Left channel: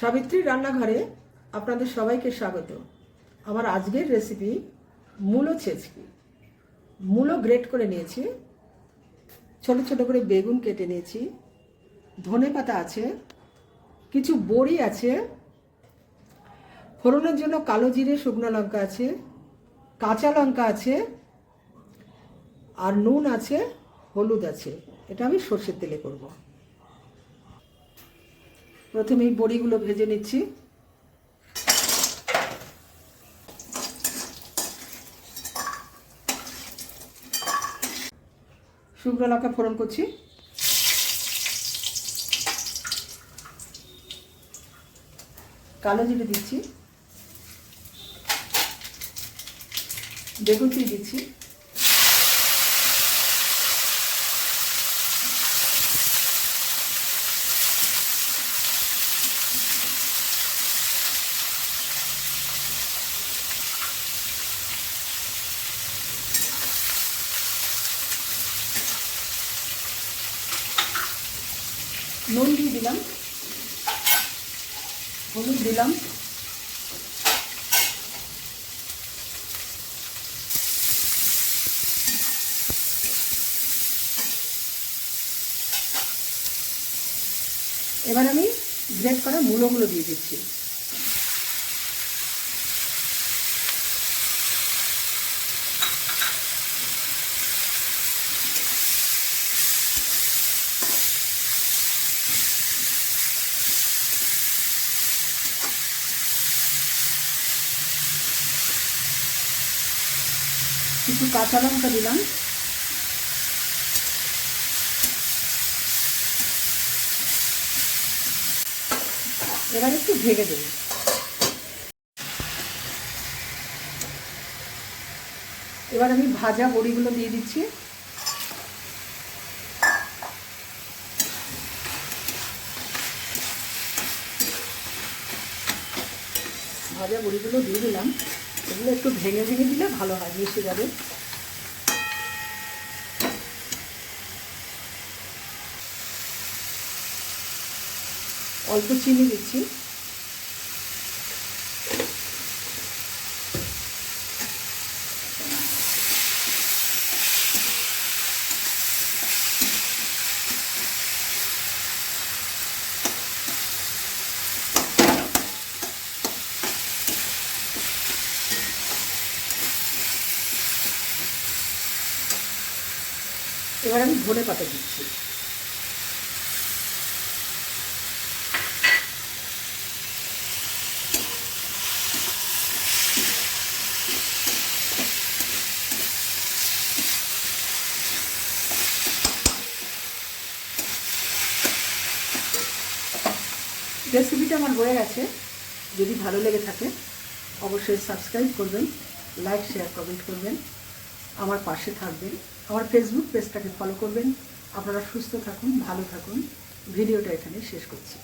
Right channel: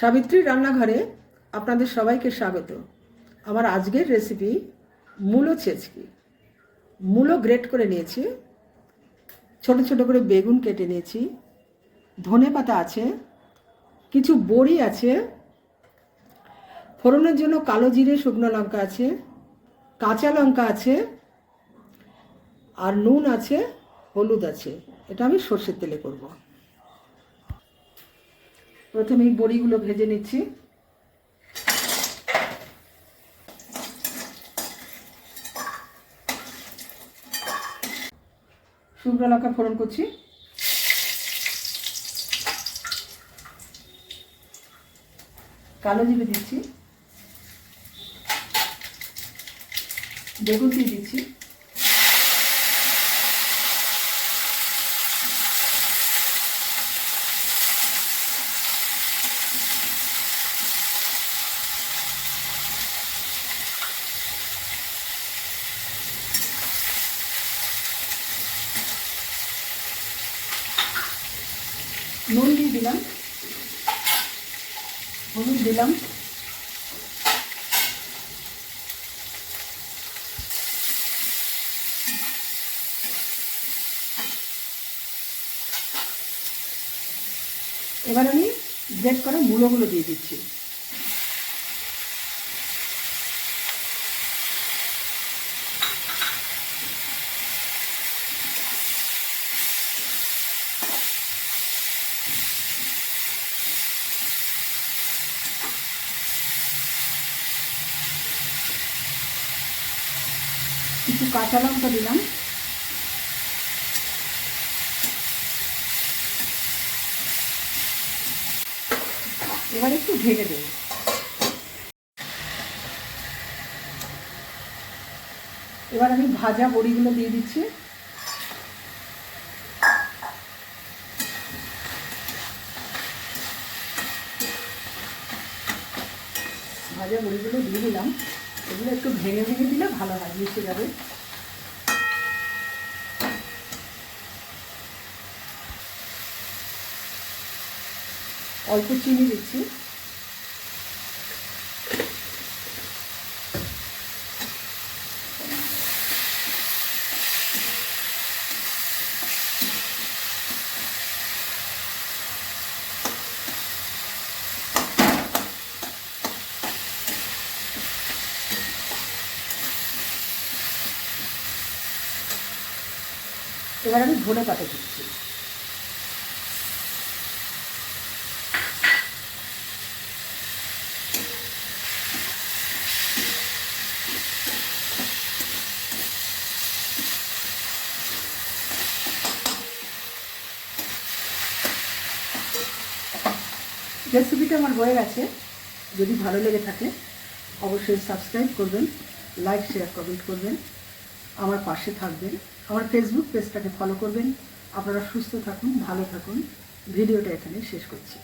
সাবিত্রী রান্নাঘরে আপনাদের সবাইকে স্বাগত। আমার আজকের রেসিপি মূলো ছেচকি মূলো গ্রেট করে নিয়েছি। ছোট ছোট করে বেগুন কেটে নিয়েছি। ধনে পাতা আছে। কিছু বড়ি আছে। ফোড়নের জন্য কালো জিরে, শুকনো লঙ্কা আছে। কাঁচা লঙ্কা আছে। আর নুন আছে, হলুদ আছে। এটা আমি সর্ষের তেলে করব। প্রথমে এই বড়িগুলো ভেজে নিচ্ছি। শুকনো লঙ্কা ফোড়ন করছি। কালো জিরে দিচ্ছি। বেগুন দিয়ে দিচ্ছি। নুন দিয়ে দিলাম। হলুদ দিলাম। এবার আমি গ্রেট করা মূলোগুলো দিয়ে দিচ্ছি। কিছু কাঁচা লঙ্কা দিলাম। এবার একটু ভেজে দেব। এবার আমি ভাজা বড়িগুলো দিয়ে দিচ্ছি। ভাজা বড়িগুলো দিয়ে দিলাম। এগুলো একটু ভেঙে ভেঙে দিলে ভালো হয় মিশে যাবে। অল্প চিনি দিচ্ছি। এবার আমি ধনে পাতা দিচ্ছি। রেসিপিটা আমার হয়ে গেছে। যদি ভালো লেগে থাকে, অবশ্যই সাবস্ক্রাইব করবেন, লাইক, শেয়ার, কমেন্ট করবেন। আমার পাশে থাকবেন। আমার ফেসবুক পেজটাকে ফলো করবেন। আপনারা সুস্থ থাকুন ভালো থাকুন। ভিডিওটা এখানে শেষ করছি।